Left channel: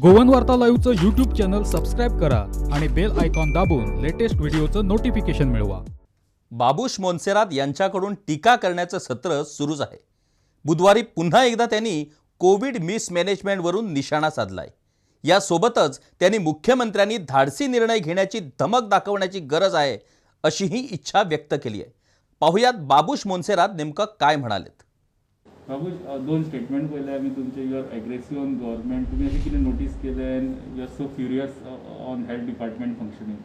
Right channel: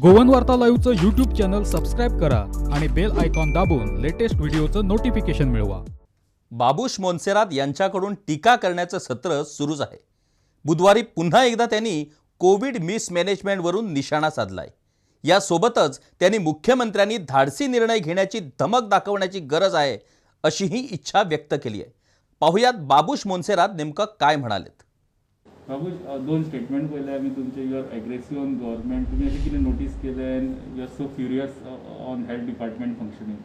गोवन वार्ता लाईव्हचं YouTube channel subscribe करा आणि बेल आयकॉन दाबून लेटेस्ट व्हिडिओचं नोटिफिकेशन मिळवा. बाबूश मोन्सेरात यांच्याकडून टीका करण्याचं सत्र सुरूच आहे. बुधवारी पुन्हा एकदा त्यांनी कोविड मिसमॅनेजमेंटवरून निशाणा साधलाय. यासोबतच त्यांनी मुख्यमंत्र्यांनी धाडसी निर्णय घेण्याची धमक दाखवण्याची गरज आहे अशीही इच्छा व्यक्त केली आहे. पाहुयात बाबूश मोन्सेरात नेमकं काय म्हणालेत. बाबूश, दोन स्टेटमेंट पहिले आम्ही तुमचे you are aggressive on government. तुम्ही असे किती नोटीस केले and you are so furious on health department functioning.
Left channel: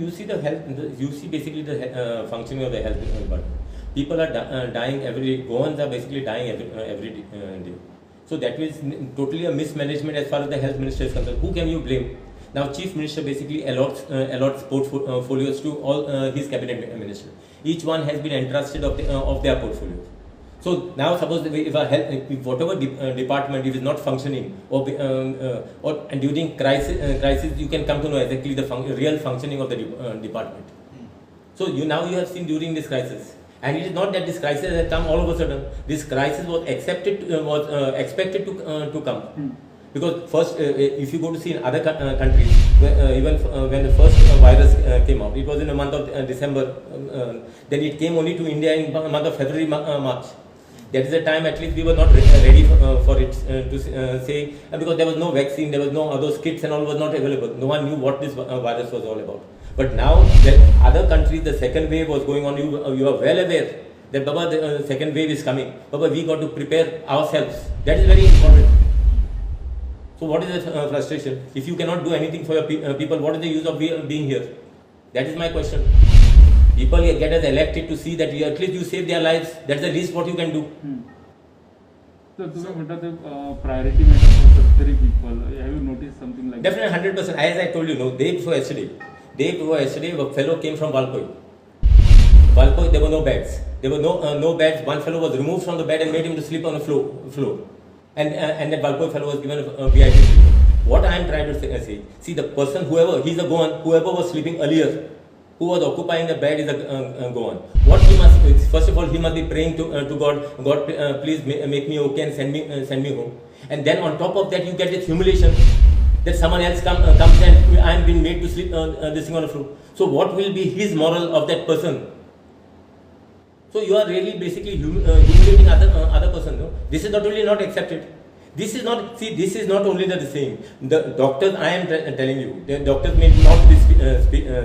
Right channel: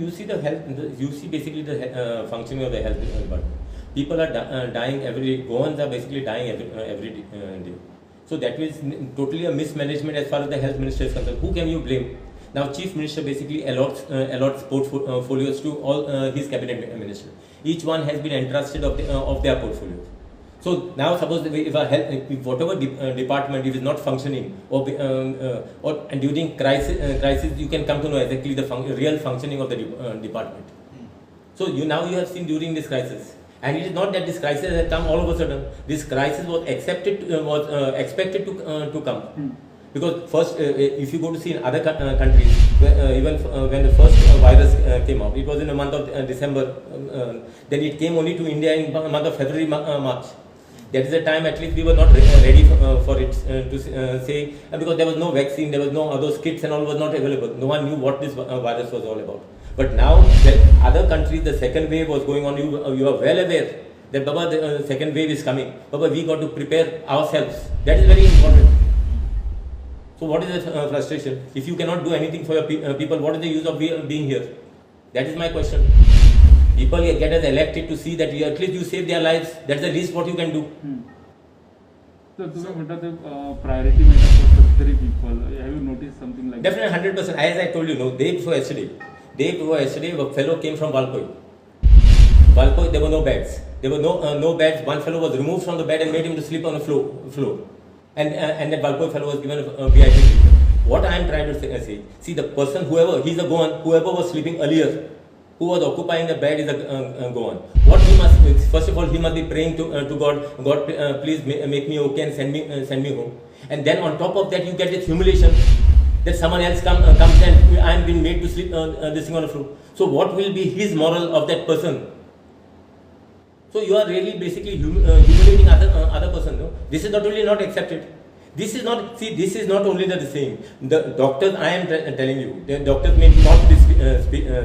You see the health. You see basically the functioning of the health department. People are dying every day. Goans are basically dying every day. So that is totally a mismanagement as far as the health minister is concerned. Who can you blame? Now, chief minister basically allots portfolios to all his cabinet ministers. Each one has been entrusted of their portfolios. So now, suppose if whatever department if is not functioning, or and during crisis, you can come to know exactly the real functioning of the department. So you have seen during this crisis, and it is not that this crisis has come all of a sudden. This crisis was expected to come. Because first, if you go to see in other countries, even when the first virus came out, it was in the month of December. Then it came only to India in the month of February, March. That is the time at least we were not ready for it to say, because there was no vaccine, there was no those kits and all was not available. No one knew what this virus was all about. But now, the other countries, the second wave was going on. You are well aware that Baba, the second wave is coming. Baba, we got to prepare ourselves. That is very important. So what is the frustration? If you cannot do anything for your people, what is the use of being here? That is my question. People get us elected to see that at least you save their lives. That's the least what you can do. So तुम्ही म्हणता ते priority matter for Sattari people. Have you notice something like Definitely 100%. As I told you, no, day before yesterday, a fellow came from Valpoi. There were no beds. There were no beds. One fellow was removed from the bed and made him to sleep on the floor. And that Valpoi fellow was given a VIP treatment. What I am trying to say, see the person, whoever was sleeping earlier, who was occupying the bed is a Goan. What he must, first of all, he must be praying to God. God, please make me okay and send me home. And then on top of that, you get this humiliation that someone else comes and I am being made to sleep this thing on the floor. So what will be his moral of that person? So you are really basically humiliating other person. No? This is not only not accepted. This is not only the same. The doctors, I am telling you, the doctors may not be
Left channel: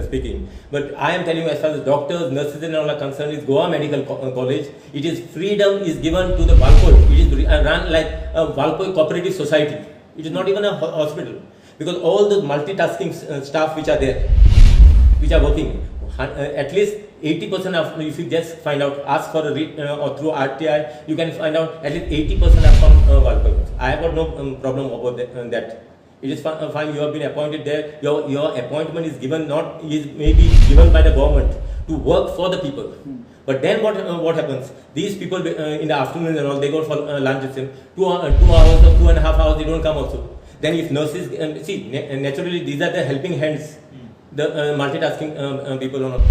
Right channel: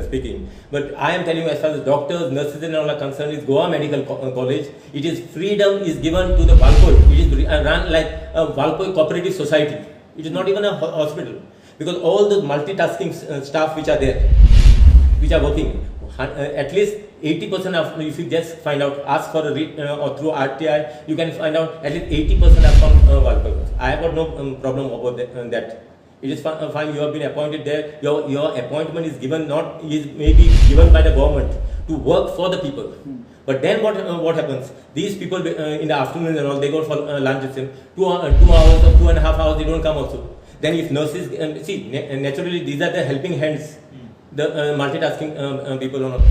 speaking, but I am telling you, as far as doctors, nurses and all are concerned, is Goa Medical College. It is freedom is given to the Valpoi. It is run like a Valpoi cooperative society. It is not even a hospital, because all the multitasking staff which are there, which are working, at least 80% of, if you just find out, ask for or through RTI, you can find out at least 80% are from Valpoi. I have got no problem about that. It is fine. You have been appointed there. Your appointment is given, maybe given by the government to work for the people. But then what happens? These people in the afternoon and all, they go for lunch with them. 2 hours or 2.5 hours, they don't come also. Then if nurses see, naturally these are the helping hands. The multitasking people or not.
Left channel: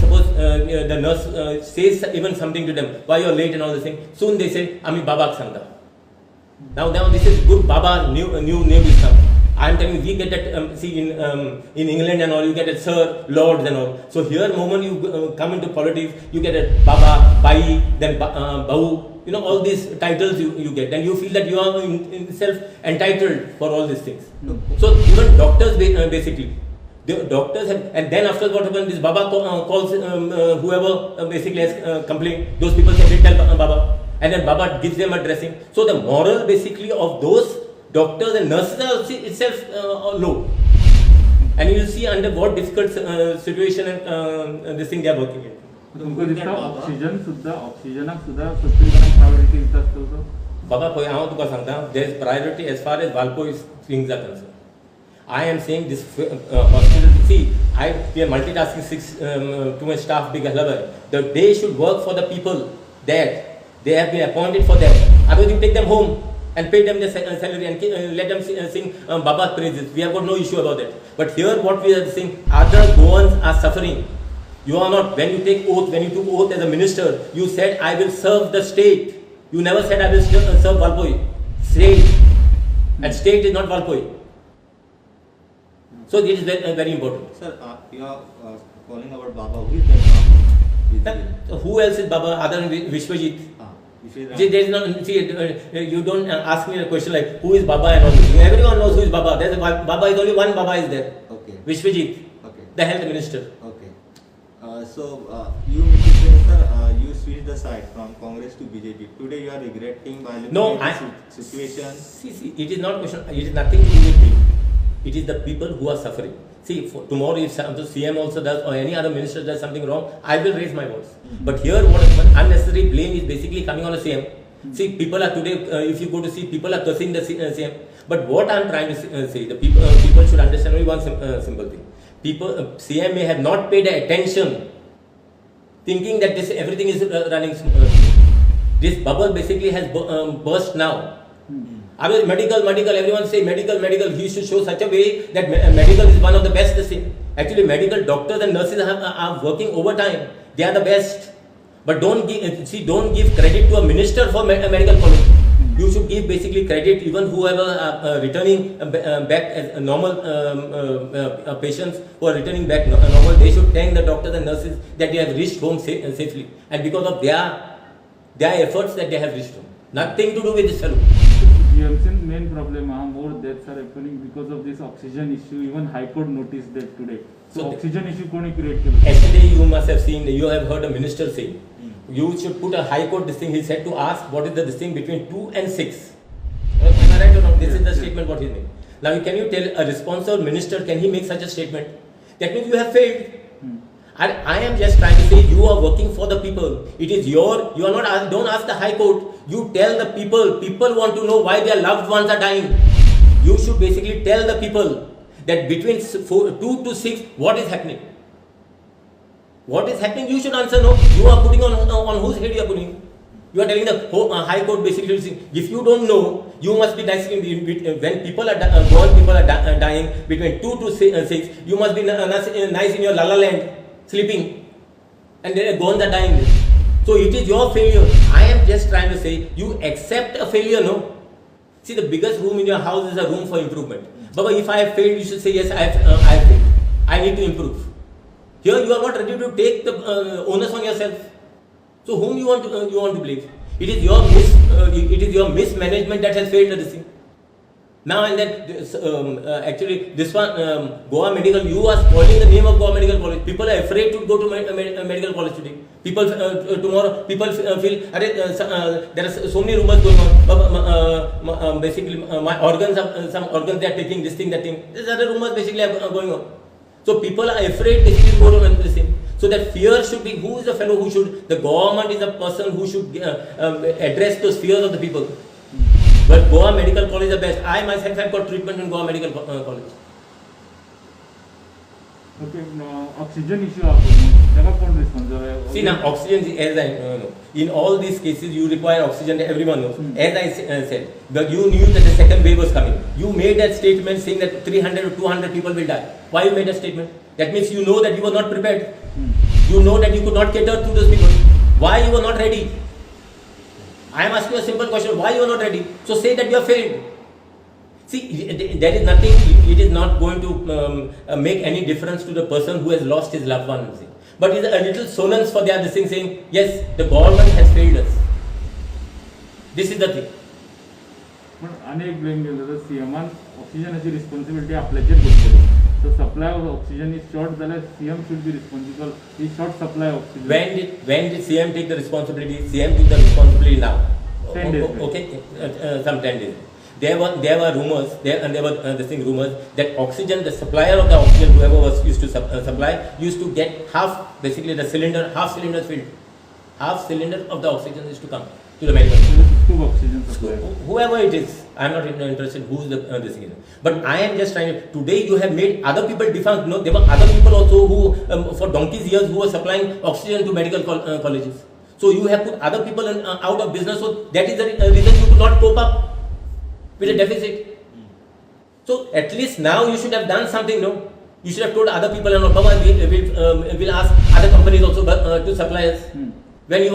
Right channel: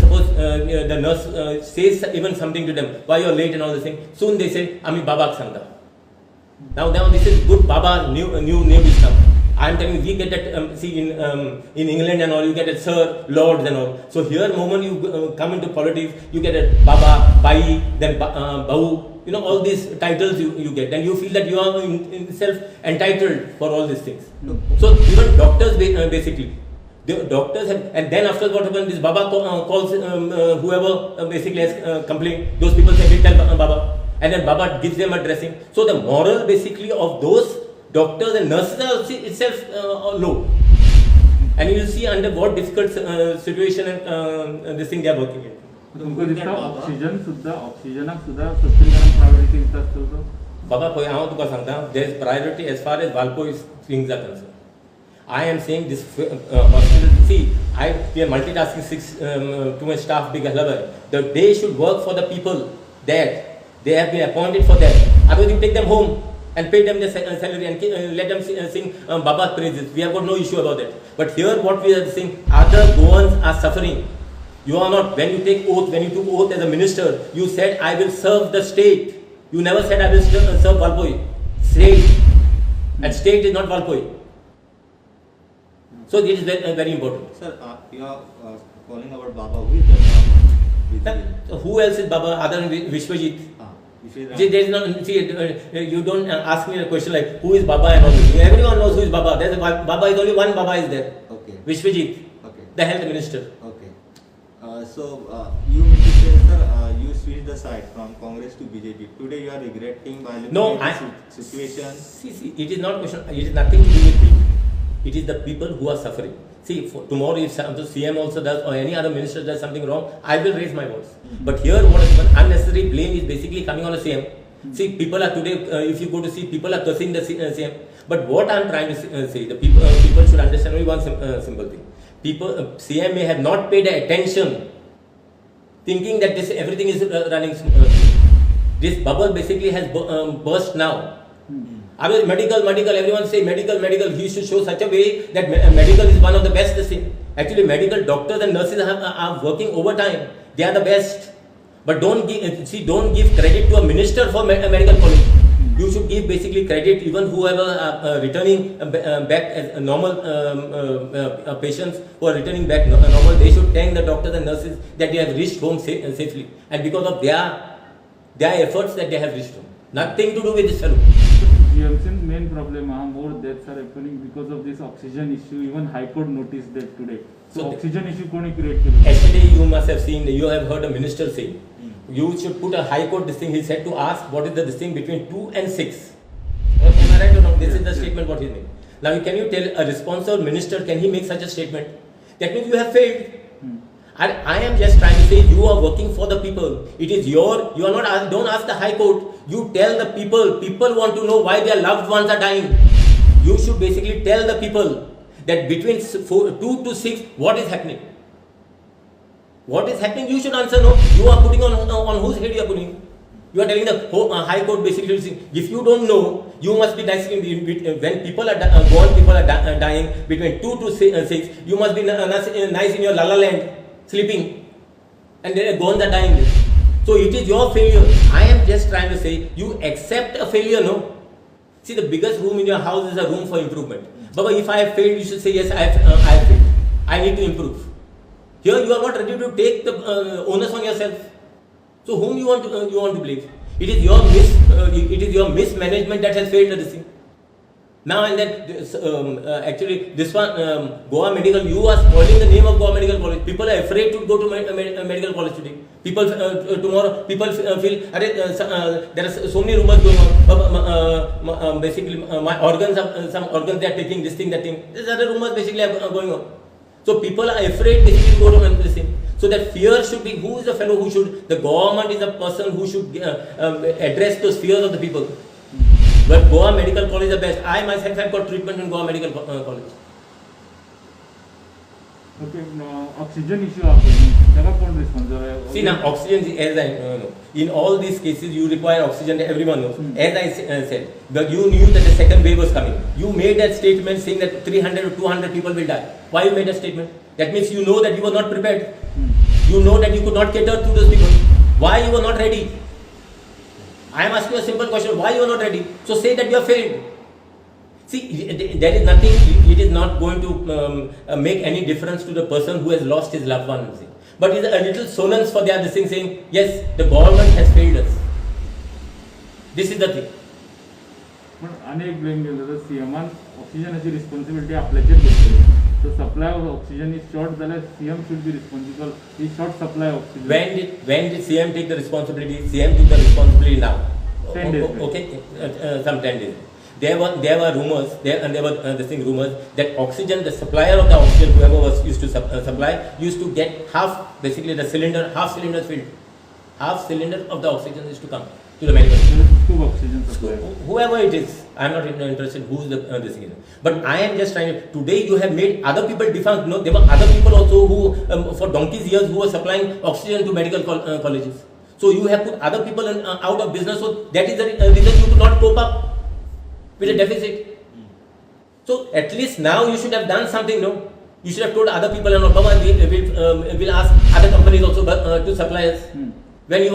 Suppose the nurse says even something to them, why you are late and all this thing. Soon they say, Ami Baba Sangha. Now this is good. Baba new is come. I am telling you, we get that. See in England and all, you get it Sir, Lord and all. So here, moment you come into politics, you get it Baba, Bai, then Bahu. You know all these titles you get, and you feel that you are in self entitled for all these things. So even doctors basically. The doctors and then after what happened, this Baba calls whoever basically has complained. Those people say, tell Baba, and then Baba gives them a dressing. So the moral basically of those doctors and nurses are itself low, and you see under what difficult situation and this thing they are working in. तुमको दिसता ऑक्सिजनाक सुद्धा सत्तरीकरण priority दिसता. Baba, हांव तुका सांगता, there is priority as far as Valpoi things are concerned. I am saying this hospital. See, we are multitasking too much staff big level. They should work for the people there. They have been appointed for that. Otherwise, you take them home and pay them their salary and let them sing Baba's praises. We have got no issue about that. But here, what we are saying, other Goans are suffering. You are not. When you took oath as a minister, you said, I will serve the state. You never said, I will serve Valpoi. State. And state is not Valpoi. So it is very important. Sir, you are calling about Baba. Who is that Baba? Who else is Baba other than Vishwajit? Vishwajit. See, there is no, you don't ask me a question like who is Baba and all this. Everyone knows who is Baba. There's Baba is only one Baba is there. Okay. Vishwajit, Okay. the health minister. Okay. You mean to say, sir, you switched the side from Congress to BJP. Today you are regretting by looking No, at the situation. See, it is not question. It is nothing to do with me. It is the people who are suffering. See, for tomorrow if the CM also does or any other minister does something wrong, I will raise my voice. But here, what is unnecessary blame is basically coming on the CM. See, people are today. If you go to see, people are cursing the CM. But what I am trying to say, the people should understand only one simple thing. CM may have not paid attention, thinking that this everything is running smooth. This bubble basically has burst now. I mean, medical, everyone say medical. He should show such a way that medical is one of the best thing. Actually, medical doctors and nurses are working overtime. They are the best. But don't give credit to a minister for medical college. You should give basically credit even whoever returning back as normal patients who are returning back normal. They should thank the doctors and nurses that they have reached home safely, and because of their efforts that they have reached home. Nothing to do with this fellow. GMC's main problem more deaths are happening because of this oxygen issue. Even High Court noticed that today. So oxygen issue koni create kelo. Yesterday you must have seen, you have heard a minister say, you should put a High Court this thing. He said to ask what is the distinction between 2 and 6. Am I right or wrong? This is the statement what he made. Now can you tell a responsible minister, can he make such a statement? That means you have failed. And I am just trying to say you are working for the people. It is you are not, don't ask the High Court. You tell the people want to know why their loved ones are dying. You should basically tell the people that between 2 to 6, what is happening? What is happening? You should answer no. You are putting on whose head you are putting? You are telling the High Court basically, if you don't know, you must be nice when people are dying between 2 to 6, you must be nice in your la la land, sleeping, and then goans are dying. So it is your failure. I am just trying to say, you accept a failure, no? See, the biggest room in your house is a room for improvement. But if I have failed, you should say, yes, I have failed. I need to improve. Here you are not ready to take the onus on yourself. So whom you want to blame? It is your mismanagement that has failed this thing. Now and then, actually, this one, Goa Medical, you are spoiling the name of Goa Medical College. People are afraid to go to medical college today. People tomorrow, people feel, there are so many rumors going on. Basically, my organs, some organs they are taking this thing, that thing. These other rumors basically are going on. So people are afraid basically to go to this thing. So that fear should be, who is the fellow who should, the government is the person who should address those fears of the people. But Goa Medical College is the best. I myself have got treatment in Goa Medical College. Okay, oxygen issue responsible. See now, oxygen, as I know, in all these cases you require oxygen, everyone knows. As I said, but you knew that the second wave was coming. You made that statement saying that 300 or 200 people will die. Why you made that statement? That means you know that you were not prepared. You know that you could not cater to those people. Why you were not ready? I am asking a simple question. Why you are not ready? So say that you have failed. See, there is nothing, it is not going to make any difference to the person who has lost his loved one. But it is a little solace for their thing saying, yes, the government has failed us. This is the thing. But अनेक blame केलं तर CM oxygenaची responsibility आपल्याचेर घेतली. So supply of oxygen is short, then CM should be responsible. Is short supply of oxygen. When did CM take the responsibility? CM took the responsibility now. 10 days. Okay, some 10 days. There were rumors, rumors that oxygen, the supplier of the oxygen, whoever was used to supply, used to get half cylinder filled. Half cylinder of the oxygen is to come to the medical. Two oxygen supply. Whoever it is, I am not interested who is this thing. But I am just trying to, today you have made other people defunct. No, there were other people also who, for donkey's years, who were supplying oxygen to medical colleges. So you have put other people out of business. So that is the reason you could not cope up with a deficit. So at least now you should have done something, no? You should have told other people, we'll ask other companies also to supply us when you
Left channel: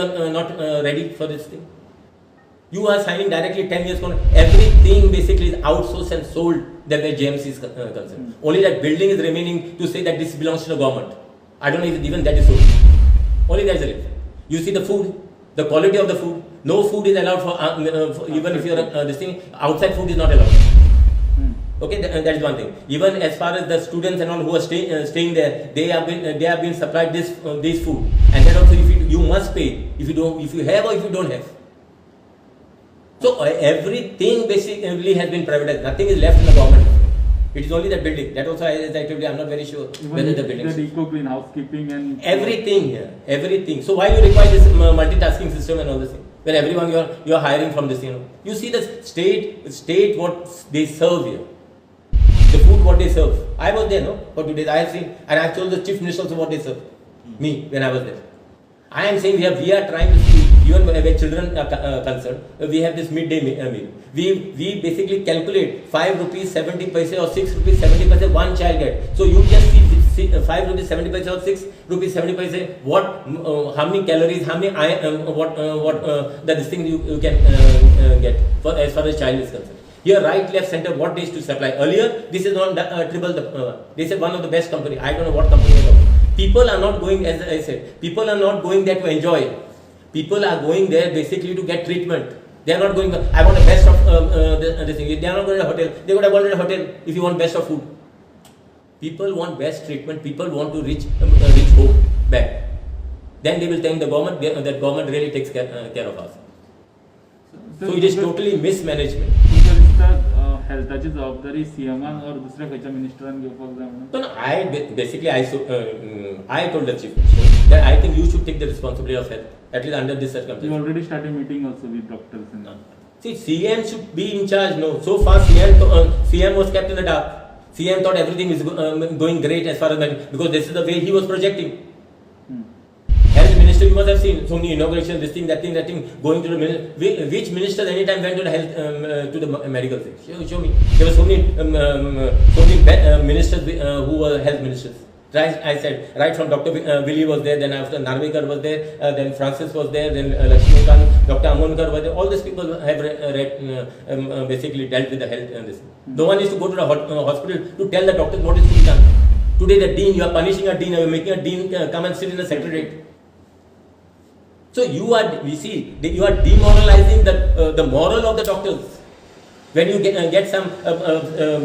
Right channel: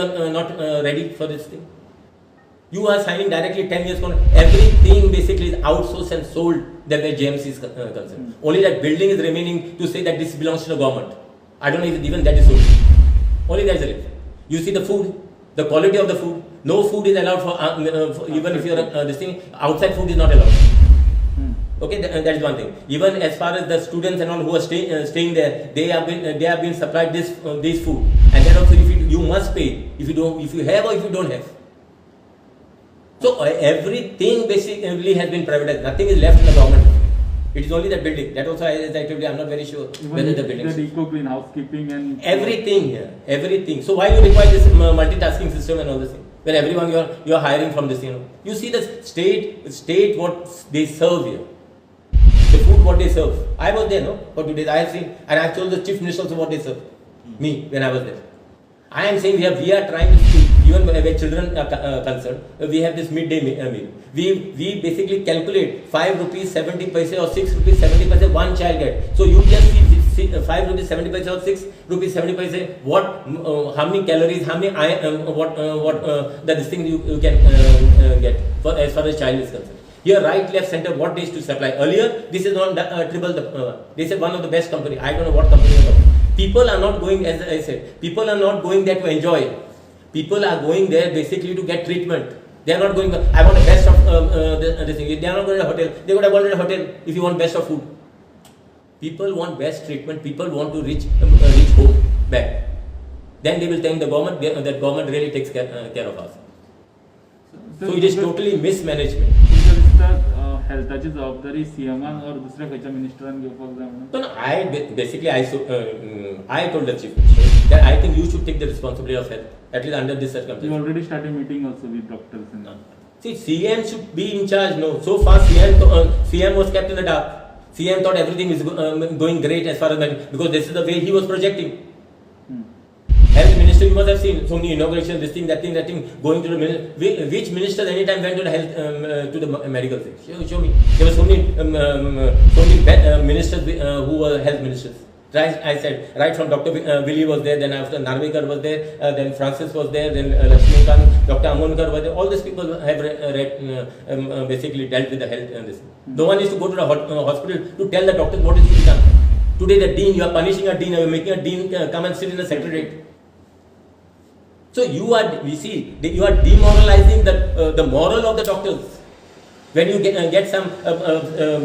are not ready for this thing. You are signing directly 10 years contract. Everything basically is outsourced and sold that where JMC is concerned. Only that building is remaining to say that this belongs to the government. I don't know if even that is sold. Only that is the difference. You see the food, the quality of the food. No food is allowed for even if you're this thing. Outside food is not allowed. Okay, that is one thing. Even as far as the students and all who are staying there, they have been supplied this food, and then also if you must pay if you have or if you don't have. So everything basically has been privatized. Nothing is left in the government. It is only the building. That also, as I told you, I'm not very sure whether the building. The eco-green housekeeping and everything here, everything. So why you require this multitasking system and all this thing? When everyone you are hiring from this, you see the state what they serve here. The food what they serve. I was there, for 2 days. I have seen, and I have told the chief minister also what they serve. Me when I was there. I am saying we are trying to see, even where children are concerned, we have this midday meal. We basically calculate 5 rupees 70 paise or 6 rupees 70 paise one child get. So you just see 5 rupees 70 paise or 6 rupees 70 paise. What how many calories, how many this thing you can get for as far as child is concerned. Here, right, left, center, what they used to supply. Earlier, this is not triple. They said one of the best company. I don't know what company is about. People are not going, as I said, people are not going there to enjoy. People are going there basically to get treatment. They are not going, I want the best of this thing. They are not going to a hotel. They would have wanted a hotel if you want best of food. People want best treatment. People want to reach home back. Then they will thank the government. That government really takes care of us. So it is totally mismanagement. तुमच्या दिसता हेल्थाची जबाबदारी सीएमान और दुसऱ्या खंयच्या मिनिस्टरान घेवपाक जाय म्हणून. No, I told the chief minister that I think you should take the responsibility of health, at least under this circumstance. You already started meeting also with doctors and See, CM should be in charge. No, so far CM was kept in the dark. CM thought everything is going great as far as because this is the way he was projecting. Health minister, you must have seen so many inauguration, this thing, that thing, going to the minister. Which ministers anytime went to the health to the medical thing? Show me. There were so many ministers who were health ministers. I said right from Dr. Willie was there, then after Narvekar was there, then Francis was there, then Lakshmikant, Dr. Amonkar was there. All these people have basically dealt with the health and this. No one is to go to the hospital to tell the doctors what is to be done. Today the dean, you are punishing a dean, you are making a dean come and sit in the secretariat. So you are demoralizing the moral of the doctors. When you get some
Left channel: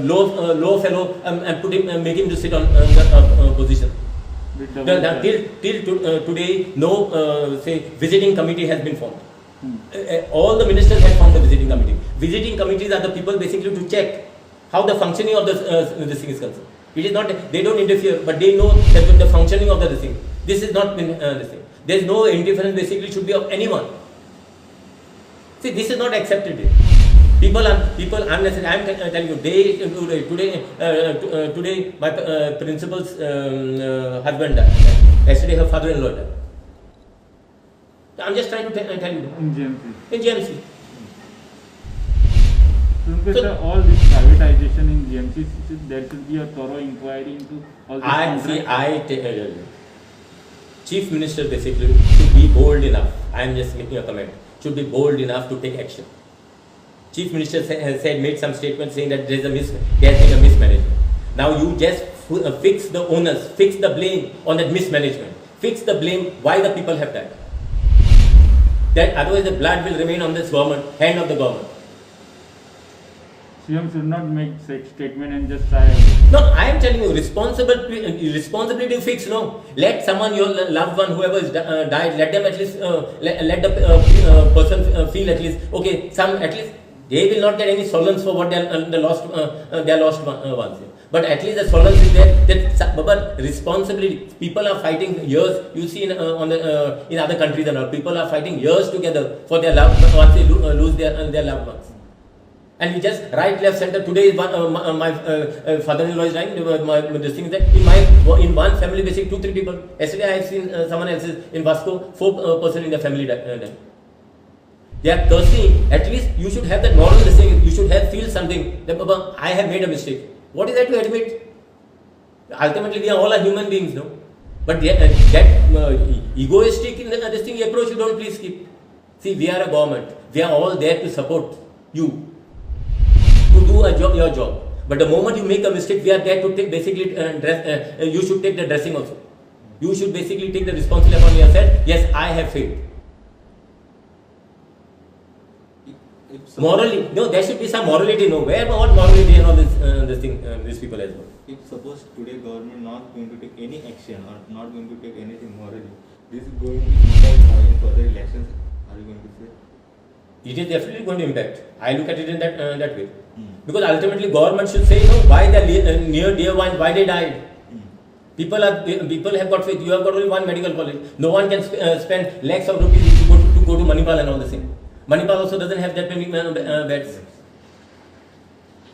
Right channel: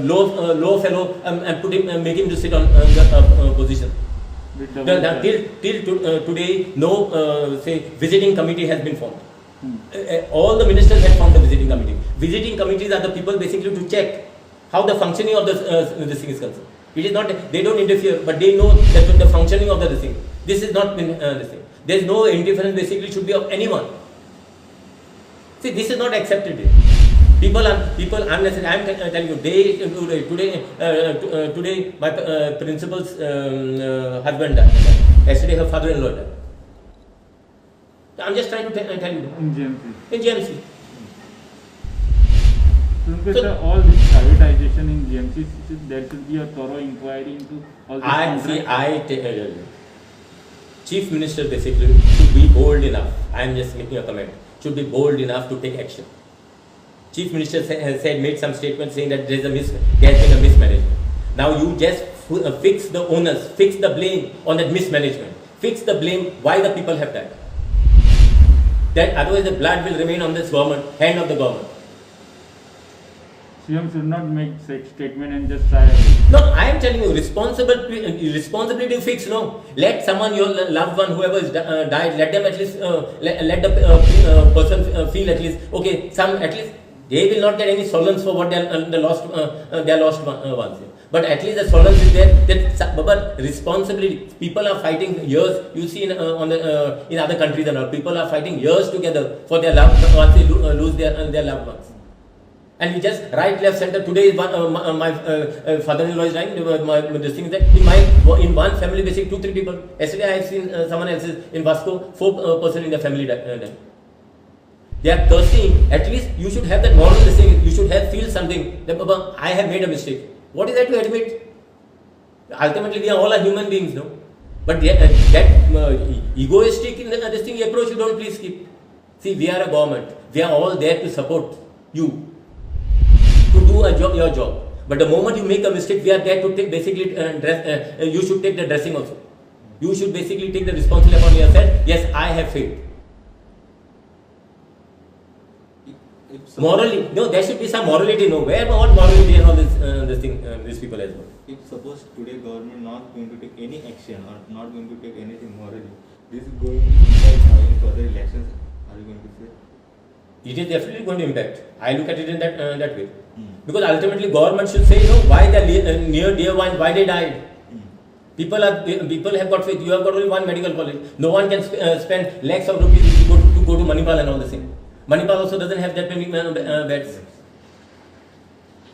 low fellow and put him, make him to sit on the position. Till today, no visiting committee has been formed. All the ministers have formed the visiting committee. Visiting committees are the people basically to check how the functioning of this thing is concerned. It is not, they don't interfere, but they know that with the functioning of the thing. This is not this thing. There is no interference basically should be of anyone. See, this is not accepted. People unnecessary. I am telling you, today my principal's husband died. Yesterday her father-in-law died. I am just trying to tell you. in GMC. So, all this privatization in GMC, there should be a thorough inquiry into all this. Chief Minister basically should be bold enough. I am just making a comment. Should be bold enough to take action. Chief Minister made some statement saying that there has been a mismanagement. Now you just fix the onus, fix the blame on that mismanagement. Fix the blame why the people have died. That otherwise the blood will remain on this government, hand of the government. CM should not make such statement and just try. No, I am telling you, responsibility to fix. No, let someone, your loved one, whoever is died, let them at least let the person feel at least okay. At least they will not get any solace for what they lost ones. But at least the solace is there. But responsibility, people are fighting years. You see in other countries and all, people are fighting years together for their loved ones. Once they lose their loved ones. And we just right, left, center. Today is my father-in-law is dying. This thing is that in one family, basically 2-3 people. Yesterday I have seen someone else's in Vasco, 4 person in the family died. They are cursing. At least you should have that moral thing. You should feel something that Baba, I have made a mistake. What is that to admit? Ultimately, we are all human beings, no. But that egoistic in this thing approach, you don't please keep. See, we are a government. We are all there to support you, to do your job. But the moment you make a mistake, we are there to take basically you should take the dressing also. You should basically take the responsibility upon yourself. Yes, I have failed. Morally, no, there should be some morality. No, where what morality and all this thing, these people as well. If suppose today government not going to take any action or not going to take anything morally, this is going to impact in further elections. Are you going to say? It is definitely going to impact. I look at it in that way. Because ultimately government should say, why the near dear ones, why they died. People have got faith. You have got only one medical college. No one can spend lakhs of rupees if you go to Manipal and all the thing. Manipal also doesn't have that many beds.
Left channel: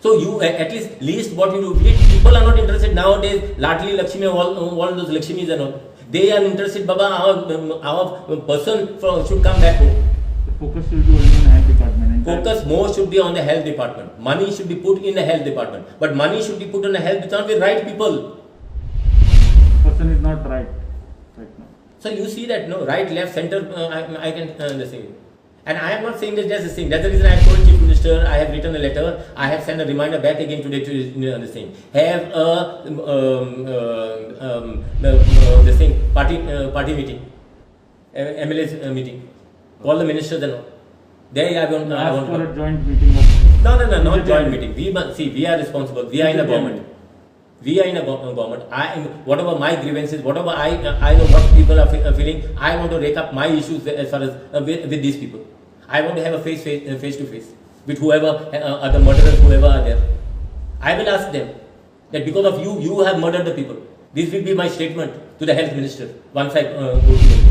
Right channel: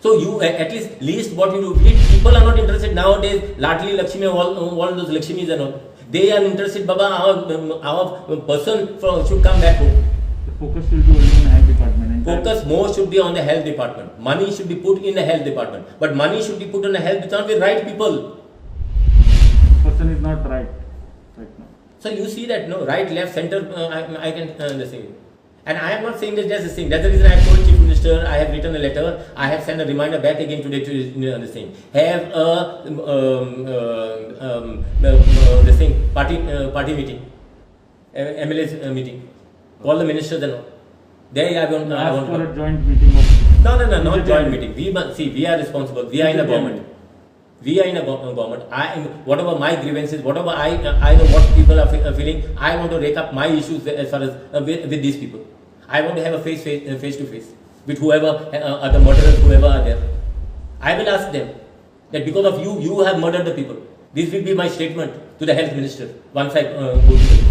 So you at least what you do. People are not interested nowadays. Ladli Lakshmi, all those Lakshmis and all. They are interested. Baba, our person should come back home. The focus should be only on the health department. Focus more should be on the health department. Money should be put in the health department. But money should be put in the health department with right people. Person is not right now. So you see that, no, right, left, center, I can say. And I am not saying that that's the thing. That's the reason I have told Chief Minister, I have written a letter, I have sent a reminder back again today to this thing. Have a this thing, party meeting, MLA's meeting. Call the ministers and all. There I want for a joint meeting of... No, not joint meeting. We are responsible. We are in the government. We are in a government. Whatever my grievances, whatever I know what people are feeling, I want to rake up my issues as far as with these people. I want to have a face to face with whoever are the murderers, whoever are there. I will ask them that because of you have murdered the people. This will be my statement to the health minister once I go to the...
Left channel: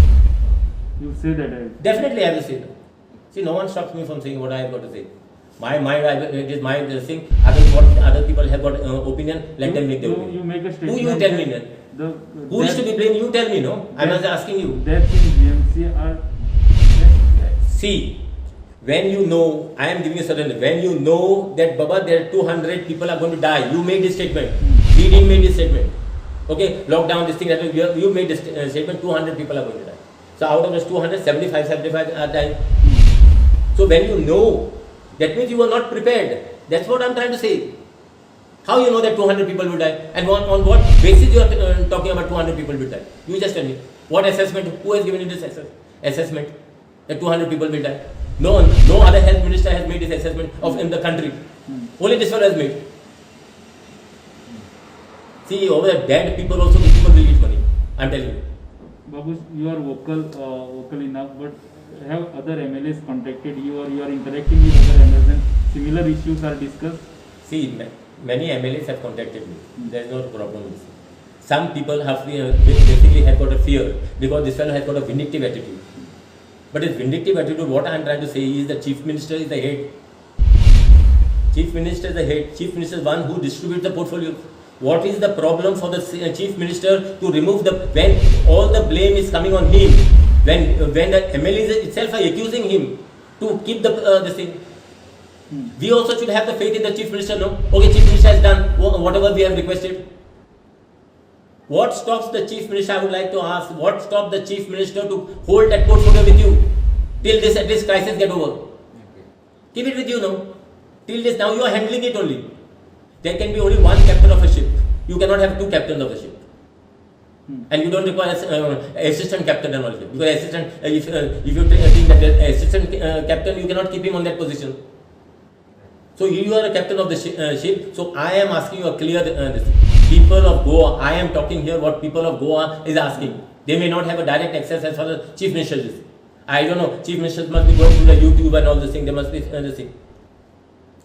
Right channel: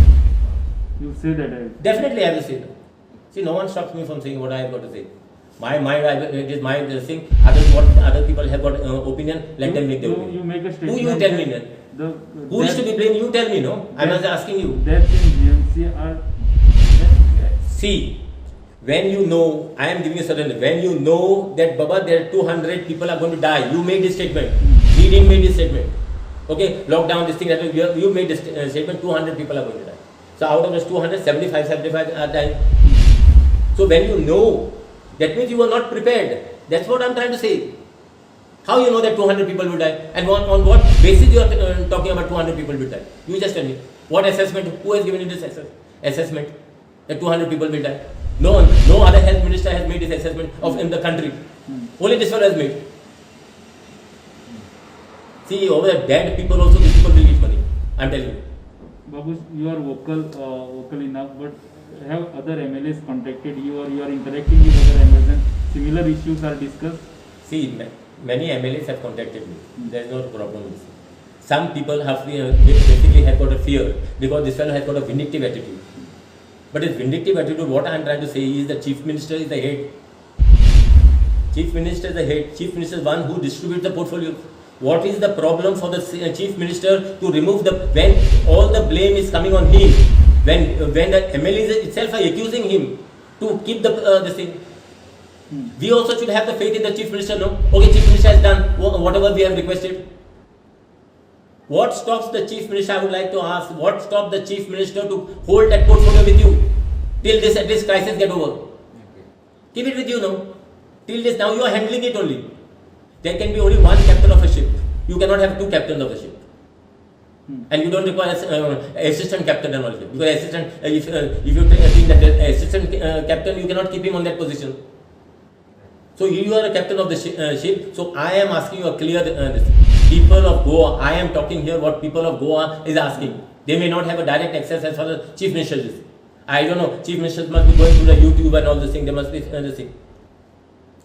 You say that? Definitely I will say that. See, no one stops me from saying what I have got to say. My mind, it is my thing. Other people have got opinion, let them make their opinion. You make a statement. Who you tell me then? Who is to be blamed? You tell me, no? I was asking you. Deaths in GMC are... See, when you know, I am giving you certain, when you know that Baba, there are 200 people are going to die, you made this statement. We didn't make this statement. Okay, lockdown, this thing, you made this statement, 200 people are going to die. So out of this 275 are dying. So when you know, that means you are not prepared. That's what I am trying to say. How you know that 200 people will die? And on what basis you are talking about 200 people will die? You just tell me. What assessment? Who has given you this assessment? That 200 people will die? No other health minister has made this assessment in the country. Only this one has made. See, over the dead people also, these people will get money. I am telling you. Babu, you are vocal enough, but have other MLAs contacted you or you are interacting with other MLAs and similar issues are discussed? See, many MLAs have contacted me. There is no problem with this. Some people have basically have got a fear because this fellow has got a vindictive attitude. But his vindictive attitude, what I am trying to say is the Chief Minister is the head. Chief Minister is the head. Chief Minister is one who distributes the portfolio. What is the problem for the Chief Minister to remove when all the blame is coming on him? When the MLAs itself are accusing him to keep this thing. We also should have the faith in the Chief Minister, no? Okay, Chief Minister has done whatever we have requested. What stops the Chief Minister, I would like to ask, what stops the Chief Minister to hold that portfolio with you till this crisis get over? Keep it with you now. Till this, now you are handling it only. There can be only one captain of a ship. You cannot have two captains of a ship. And you don't require assistant captain and all that. Because assistant, if you think that the assistant captain, you cannot keep him on that position. So you are a captain of the ship. So I am asking you a clear people of Goa. I am talking here what people of Goa is asking. They may not have a direct access as far as Chief Minister is. I don't know. Chief Ministers must be going through the YouTube and all this thing. They must be this thing.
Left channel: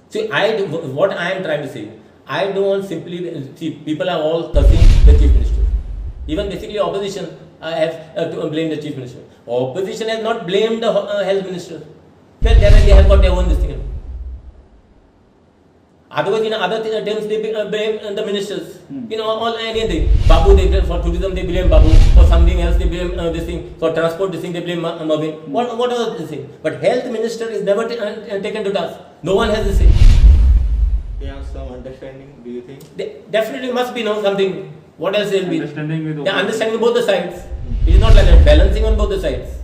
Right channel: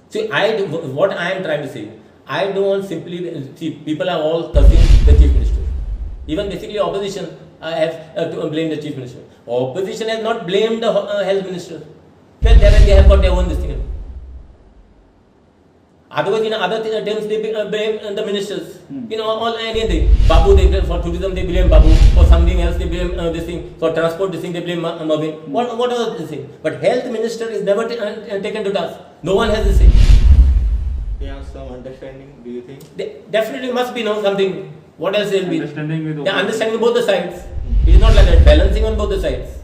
See, what I am trying to say. I don't want simply see people are all cursing the Chief Minister. Even basically opposition have to blame the Chief Minister. Opposition has not blamed the Health Minister. Well, they have got their own this thing. Otherwise, in other terms, they blame the ministers. All anything. Babu, they blame for tourism, they blame Babu. For something else, they blame this thing. For transport, this thing, they blame Mabin. What are this thing? But Health Minister is never taken to task. No one has this thing. They have some understanding, do you think? They definitely must be something. What else will be? Understanding with understanding both the sides. It is not like that. Balancing on both the sides.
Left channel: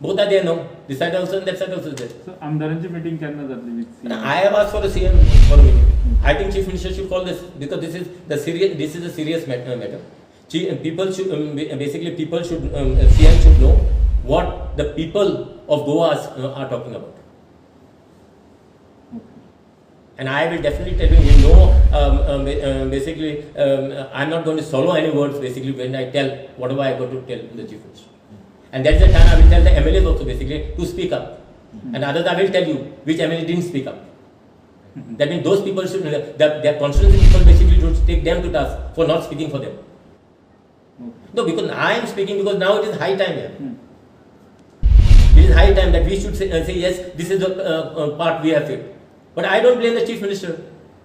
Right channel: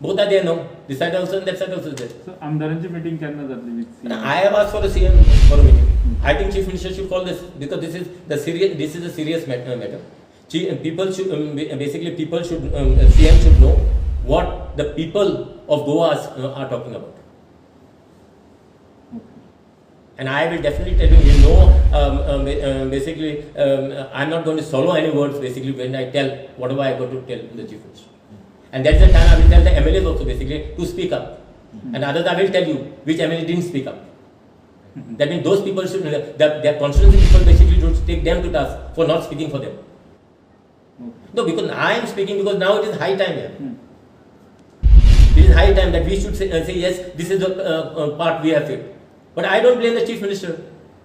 Both are there now. This side also and that side also is there. So आमदारांची meeting केन्ना जातली with And CM? I have asked for a CM for a meeting. I think Chief Minister should call this because this is a serious matter. People should basically CM should know what the people of Goa are talking about. And I will definitely tell you, basically, I'm not going to swallow any words basically when I tell whatever I got to tell the Chief Minister. And that's the time I will tell the MLAs also basically to speak up. And others I will tell you which MLA didn't speak up. That means those people should, their constituency people basically should take them to task for not speaking for them. No, because I am speaking because now it is high time here. It is high time that we should say yes, this is the part we have failed. But I don't blame the Chief Minister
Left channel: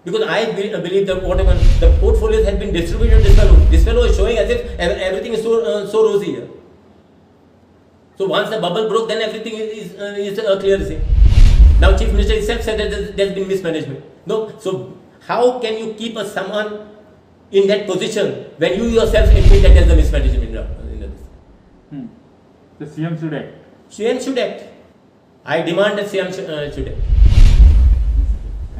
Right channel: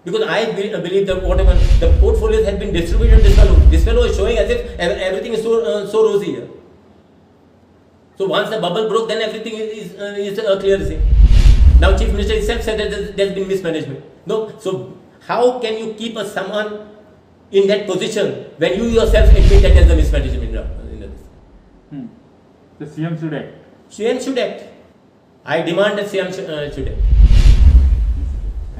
because I believe that whatever the portfolios has been distributed to this fellow is showing as if everything is so rosy here. So once the bubble broke, then everything is clear. Now Chief Minister himself said that there has been mismanagement. No, so how can you keep someone in that position when you yourself admit that there is a mismanagement in this? The CM should act. CM should act. I demand that CM should act.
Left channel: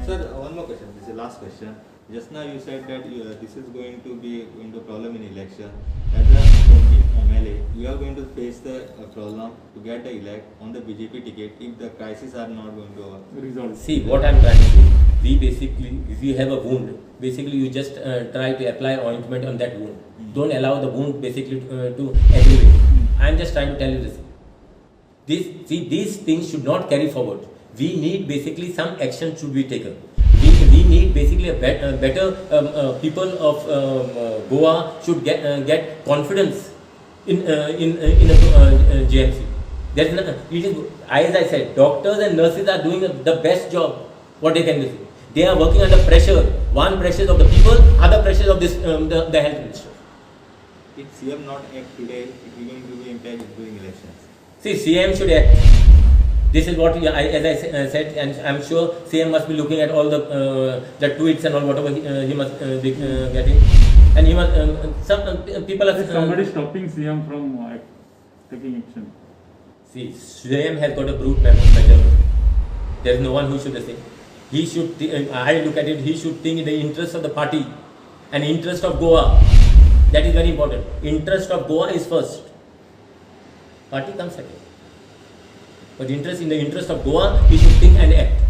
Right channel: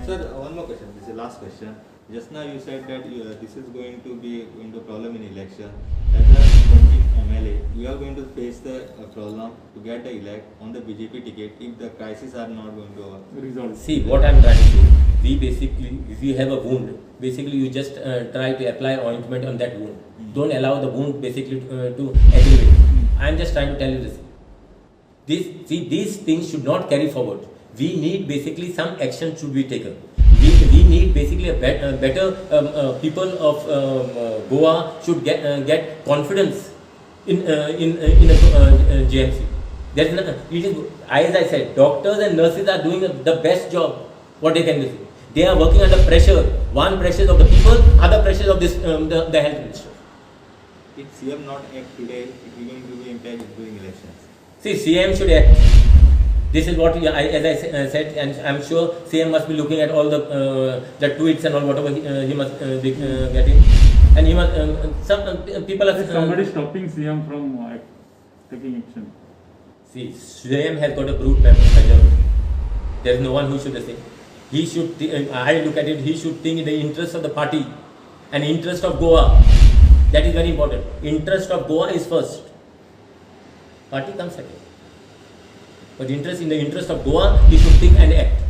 Sir, one more question. This is the last question. Just now you said that this is going to be a problem in election. As a Tonkin MLA, you are going to face the problem to get the elect on the BJP ticket if the crises are not going to Resolve. See, what I am trying to say, if you have a wound, basically you just try to apply ointment on that wound. Don't allow the wound basically to aggravate. I am just trying to tell you this. These things should not carry forward. We need basically some action should be taken. We need basically a better people of Goa should get confidence in a GMC. As I said, doctors and nurses are doing the best job what they can do. They are working under pressure. One pressure of the people, other pressure of this the health minister. if CM not act today, it is going to be impact during elections. See, CM should act. This is what, as I said, and I'm sure CM must be looking at all the tweets and all whatever he must be getting, and he must. Some people are. Is somebody stopping CM from taking action? See, CM has got a brute majority. There is no one who should say. He should. I look at it. He should think in the interest of the party, and interest of Goa. That is very important. Interest of Goa is first. Party comes second. But in the interest of Goa, he should think and act.